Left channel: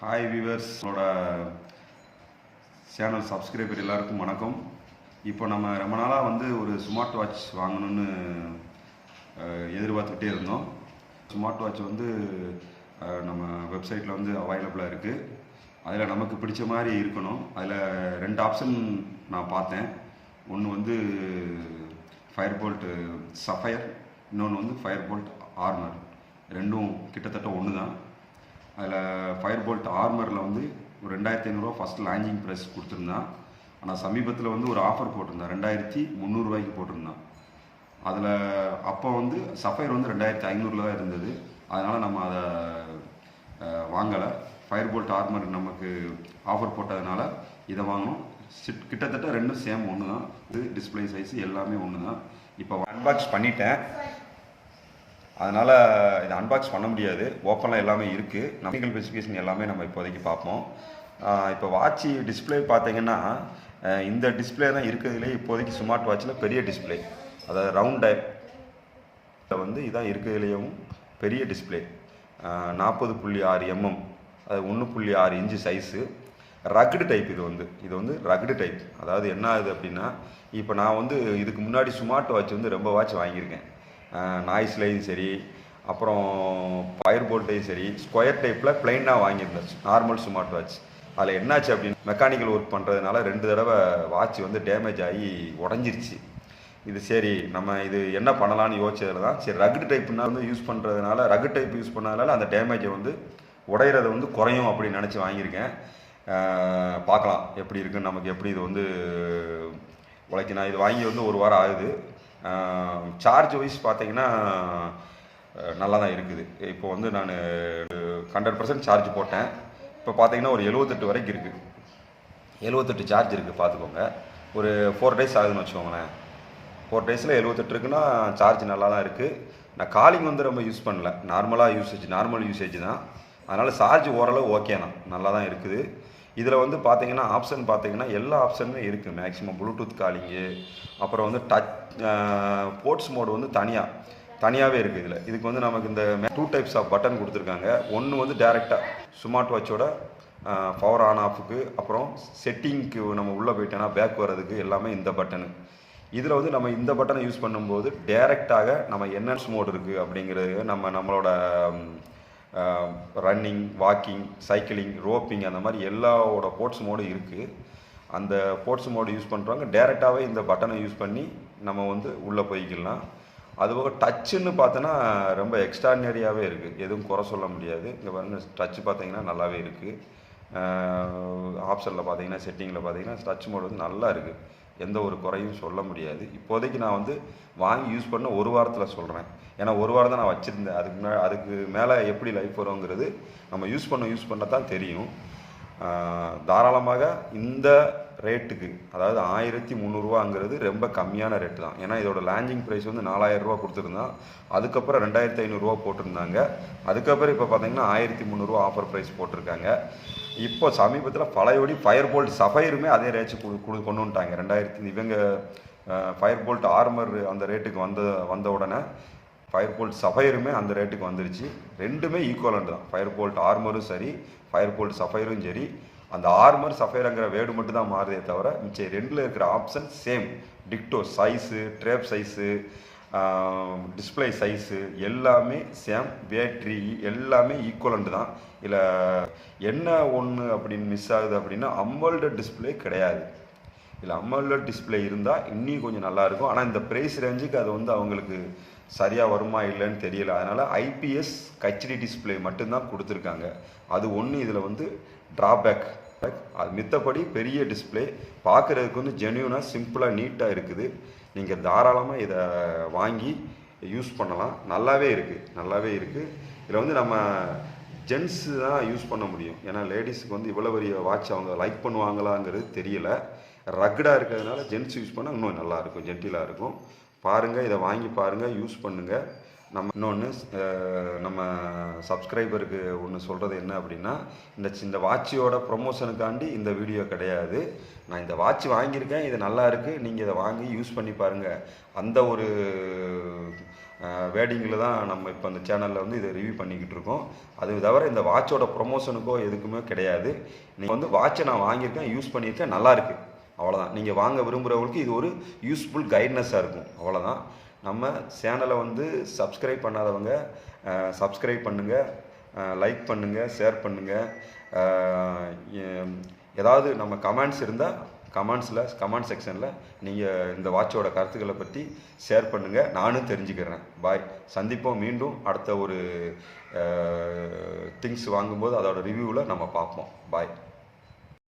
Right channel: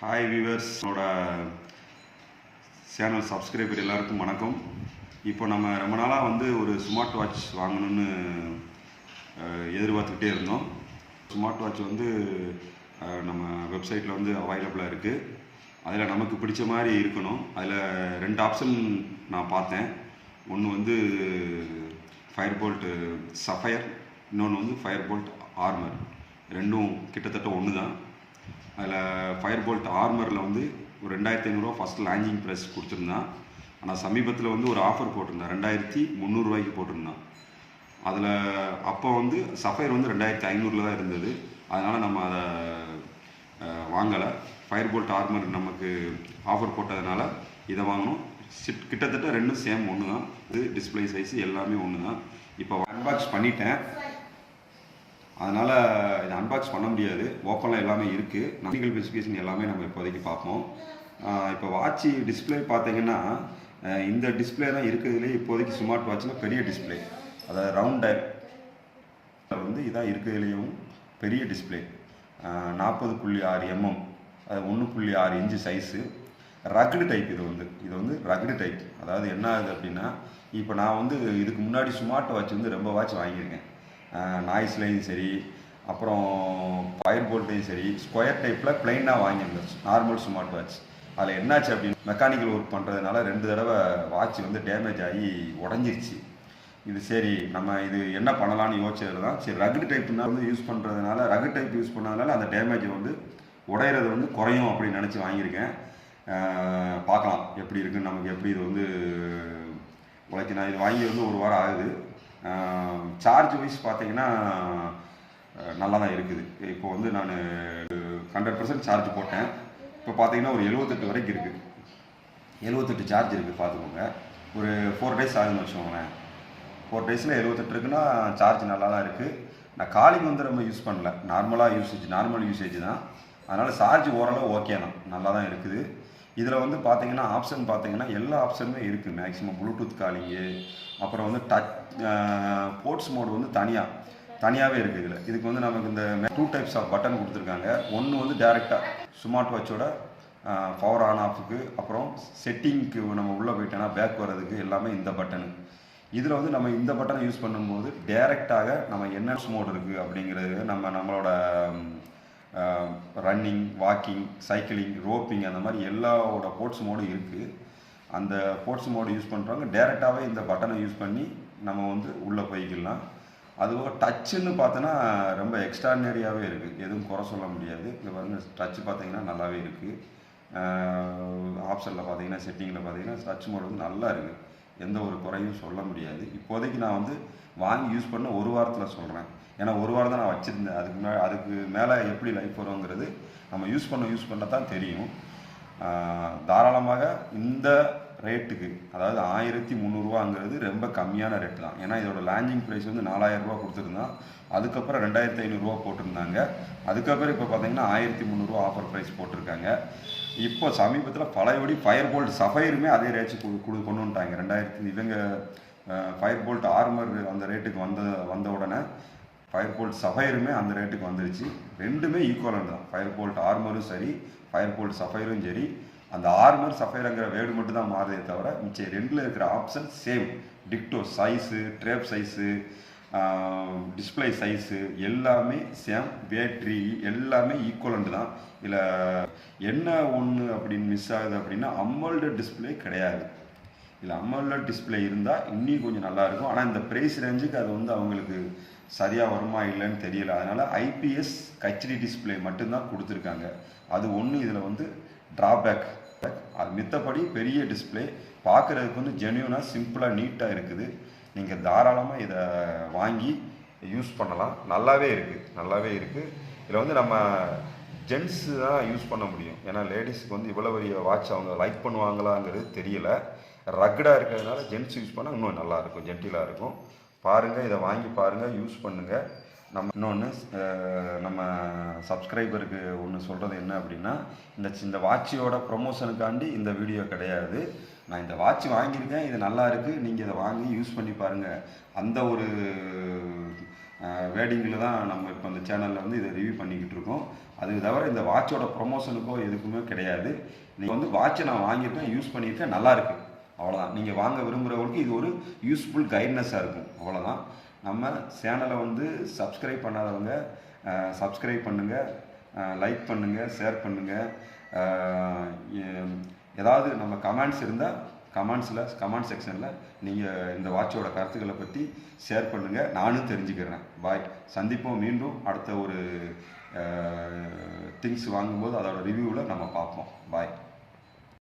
Hi வியூவர்ஸோட channel subscriber எல்லாருக்கும் வணக்கம். இப்போ நம்ம ரொம்ப நாளாக ஒரு ஸ்மார்ட் வாட்ச் வாங்கணும்னு எதிர்பார்த்துக்கிட்டே இருந்தோம். ஸ்மார்ட் வாட்ச் நம்ம வெப்சைட்டில் அவைலபிளாக இருக்குது. அதில் நமக்கு பிடிச்ச மாதிரி இருக்கணும். அதில் 2 ஆப்ஷன் நான் பார்த்தேன். ஒன்று ஃபயர்போல்ட் சஃபயர், இன்னொன்று ஃபயர்போல்ட் ஆர்மர். ரெண்டும் கிட்டத்தட்ட ஒன்று தான். அதில் ஃபயர்போல்ட் ஆர்மரில் ஒரு 2500 ரூபா ஃபஸ்ட் லான்ச்சிங் ப்ரைஸ் கொடுத்துருந்தான். ஆனால் சமீபத்தில் ஒரு ஆஃபர் போட்டிருந்தான், 2300 ரூபாய்க்கு போட்டிருந்தான். அதில் அப்போ சஃபயர் 2500 தான் இருந்தது. அதனால் நம்ம அதை வாங்கலை. ஃபயர்போல்ட் ஆர்மர் நமக்கு ஆஃபர் போட்டதுனால இதை வாங்கணும். கிட்டத்தட்ட ரெண்டும் சேம் ஒன்று தான். இது டிஸ்பிளே சைஸ் எல்லாமே ஒன்று தான். இப்போ அன்பாக்ஸ் பண்ணிட்டேன். அதனால் இதை அன்பாக்ஸ் பண்ண முடியாது. ஓப்பனில் எல்லாமே இருக்குது. டெக்னிக்கல் ஸ்பெசிஃபிகேஷன் எல்லாமே நம்ம இப்போதைக்கு பார்ப்போம். இப்போ வாட்சி டிஸ்பிளே பார்த்தீங்கன்னா இந்த டிஸ்பிளே தான் இருக்கிறதுலே இப்போதைக்கு ஸ்மார்ட் வாட்சில் பெரிய டிஸ்பிளே. அதாவது ரவுண்ட் டைப் இதான் இருக்கிறதுலேயும் பெரிய டிஸ்பிளே. 40.6 mm, அது 1.6 இன்ச்சு சைஸு. Rugged type. இது ரக்டு டைப். அதாவது என்ன ஆகுது அப்படின்னா, இப்போ நான் இதுக்கு முன்னாடி ஸ்மார்ட் வாட்ச் ரொம்ப வாட்ச் வாங்கியிருக்கேன். நாய்ஸ்லேயும் சரி, அப்புறம் ஃபயர் போல்ட்டையும் சரி, ஸ்கொயர் டைப்பில் பிளைனாக வாங்கியிருந்தேன் நார்மல் ஸ்மார்ட் வாட்ச். அதில் என்னாச்சு அப்படின்னு மெக்கானிக்கல் ஒர்க் பண்ணுறதுனால 2 தடவை வாட்ச் டேமேஜ் ஆகி உடஞ்சிருச்சு. இது சரி நம்ம இது என்ன பண்ணலான்னு யோசிச்சதில் தான் சரி ரக்டு டைப்னா யூஸ் பண்ணுறதுனால, ரக்டு டைப் யூஸ் பண்ணதுனால அந்த டேமேஜை உடையிறது குறையும் அப்படின்னு நினச்சி வாங்கியிருக்கேன். பார்க்கலாம் எப்படி இருக்குன்னு, நமக்கு எப்படி இது உழைக்கு. நான் இது வாங்கி 1 வாரம் ஆகுது. சார்ஜ் வைஸ் பார்த்தீங்கன்னா நல்லா தான் இருக்குது. இப்போ நான் 100% சார்ஜ் போட்டேன். இப்போ பார்த்தீங்கன்னா ஒரு 78 வரைக்கும் இருக்குது. 78 சார்ஜ் இருக்குது பார்த்துக்கோங்க. ஒரு 4 டேஸ் ஆகுதுன்னு வச்சுக்கோங்களேன். 4 டேஸில் 78 இருக்குன்னா சார்ஜ் நல்லா தான் இருக்குது. நான் காலிங் ரொம்ப யூஸ் பண்ணல, நார்மல் யூசேஜ் தான். அதனால் சார்ஜ் ஓரளவு ஓகே தான், நல்லா தான் இருக்குது. இதில் பார்த்தீங்கன்னா ஆப்ஷன் பார்த்தீங்கன்னா எல்லா ஆப்ஷனுமே இருக்குது. மேக்ஸிமம் ப்ளூடூத் காலிங்கு, அப்புறம் டச் போர்ட்ஸ் மோடு தனியாகவே இருக்குது. இதுக்கு நமக்கு இந்த 2 டைப்ஸ் ஆஃப் பட்டன் கொடுத்துருக்காங்க. ஒன்று டேரெக்டாக ஸ்மார்ட் வாட்சோட பவர் ஆன் ஆஃபுக்கு, அப்புறம் செட்டிங்க்கு நம்ம உள்ளே போயிட்டோன்னா பேக் வர்றதுக்கு எல்லாமே இந்த பட்டனு. இதில் நம்ம இந்த பட்டனை யூஸ் பண்ணும்போது டேரெக்டாக நம்ம என்ன மோடு இருக்குது அப்படிங்கிறது, நம்மளோட ரன்னிங், வாக்கிங், சைக்கிளிங், ரோப்பிங், அந்த மாதிரி எல்லாவோட போர்ட்ஸ் மோடு இருக்குது. அந்த போர்ட்ஸ் மோடு யூஸ் பண்ணுறவங்க டேரெக்டாகவே இந்த பட்டனை யூஸ் பண்ணி நம்ம உள்ளே போய்க்கலாம். அதுபோக டச்சுன்னு பார்த்தோன்னா ரொம்ப எக்ஸ்ட்ராடினரியாகவே இருக்குது, எதுவும் குறை சொல்ல முடியாது. இங்கே டச்சு பார்த்தீங்கன்னா நல்லாவே இருக்குது. ஆப்ஷனில் பார்த்தீங்கன்னா, செட்டிங்கில் பார்த்தீங்கன்னா டச் மோடு நல்லா இருக்குது, எந்த ஒரு குறையும் சொல்ல முடியாது. இப்போதைக்கு நான் வாங்கி யூஸ் பண்ண 1 வாரத்தில் சொல்கிறேன். ஏன்னா 1 வாரம் தான் நான் வச்சுருந்தேன். அதுக்கு மேலே எப்படி லைஃப் வருங்கிறது நம்ம யூஸ் பண்ண தான் தெரியும். தாராளமாக இந்த ரேட்டுக்கு, அதாவது 1300 ரூபாங்கிறது ரொம்ப கம்மியான ரேட்டு தான். ஏன்னா இதோட லான்ச்சிங் ப்ரைஸ் 4000 ரூபா கொடுத்துருந்தான். அதுக்கப்புறம் 2500 ரூபா போட்டிருந்தாங்க. அதுக்கப்புறம் இப்போ பார்த்தீங்கன்னா 1300 ரூபா ஆஃபர் ப்ரைஸ் போட்டிருக்காங்க. இப்போ சமீபத்தில் பழையபடி ஃபயர்போல்ட் சஃபயருமே அதே ரேட்ஸ் கொண்டு வந்துட்டாங்க. இவங்க ஃபயர்போல்ட் ஆர்மர் அந்த ரேட்டுக்கு வந்த உடனே ஃபயர்போல்ட் சஃபயருமே அந்த ரேட்டுக்கு வந்துருச்சு. ரெண்டுமே ஈக்குவலண்ட் தான். ஃபயர்போல்ட் ஆர்மரும் சரி, ஃபயர்போல்ட் சஃபயரும் சரி. அந்த ஆர்மர் சஃபயருங்கிற வேர்டு மட்டும் தான் மாறுதே தவிர மிச்சம் 2ல் இருக்கிற ஆப்ஷன் சேம், டிக்டோ. சைஸு, ட்ரேப் சைஸு, டிஸ்பிளே சைஸு எல்லாமே சேம். பேட்ரி எல்லாமே ஈக்குவலண்ட் தான். இல்லை என்ன ஒன்று அப்படின்னு மிஸ் ஆகுது அப்படின்னா, அமோல்டு டிஸ்பிளே கிடையாது. இல்லை அமோல்டு டிஸ்பிளே இருந்தால் இன்னும் கொஞ்சம் நல்லாயிருக்கும். ஆனால் இந்த ப்ரைஸ் ரேஞ்சுக்கு அது அவங்களுக்கு சரியாக வருமா இல்லைன்னு தெரியல. அதனால் ஐபிஎஸ் ஹெச்டி டிஸ்பிளே மட்டும்தான் கொடுத்துருக்காங்க. அது ஒன்று இதில் ட்ராபேக். அது மித்தபடி பெரிய டிஸ்பிளே பார்க்குறதுக்கு ஜென்யூனாக, சிம்பிளாக, நீட்டாக இருக்குது. நீங்கள் தாராளமாக இதை வாங்கி யூஸ் பண்ணலாம். நல்லாவே இருக்குது. இதில் நம்ம ஜென்ஸு தான் யூஸ் பண்ண முடியும். ஏன்னா லேடிஸுக்கு இவ்வளோ பெரிய வாட்ச் அவங்க லைக் பண்ணுவாங்களாங்கிறது தெரியல. ரக்கடாக இருக்கிறதுனால ஜென்ஸ் யூஸ் பண்ணால் இன்னும் நல்லாயிருக்கும், ஜென்டிலாக இருக்கும். பாருங்கள், இதை வாங்கி பாருங்கள், யூஸ் பண்ணுங்கள். இன்னொன்று நம்ம சப்ஸ்கிரைபருக்கு ஒன்று சொல்கிறது என்ன அப்படின்னா, இந்த வாட்சியோட ப்ரொமோஷனுக்காண்டி இந்த வீடியோ கிடையாது. நான் இந்த வாட்ச் வாங்கியிருக்கேன், இது நல்லா இருக்குது, நீங்கள் இதை வாங்கி யூஸ் பண்ணி பாருங்கள். அந்த ஒரு வேர்டிங்கில் தான் நம்ம இப்போ அந்த சேனலில் வந்து இதை ரிவ்யூ பண்ணிக்கிட்டு இருக்கோம். அது தவிர இந்த வாட்சோட ப்ரொமோஷனுக்கோ எதுக்குமே கிடையாது. நீங்கள் வந்து வாட்சை நான் வாங்கியிருக்கேன், யூஸ் பண்ணியிருக்கேன், நல்லாயிருக்கு, அவ்வளோதான். நீங்கள் வாங்க விரும்புகிறவங்களுக்கு இது ஒரு யூஸ்ஃபுல் கைட்னஸாக இருக்கும், அவ்வளோதான். நம்ம சேனலை வந்து சப்ஸ்கிரைப் பண்ணாதவங்க சப்ஸ்கிரைப் பண்ணுங்கள், லைக் பண்ணுங்கள், ஷேர் பண்ணுங்கள். ஏதாவது நம்ம கமெண்ட்ஸ் இருந்தால் கமெண்ட் செக்ஷனில் நீங்கள் இந்த வாட்சோட கருத்துக்களை பற்றி ஷேர் பண்ணுங்கள், நானும் தெரிஞ்சுக்கிறேன். பாய், சந்திப்போம் மீண்டும் அடுத்த ஒரு திங்ஸ் வாங்கும்போது அதோட ரிவ்யூவில் நம்ம பார்ப்போம். பாய்.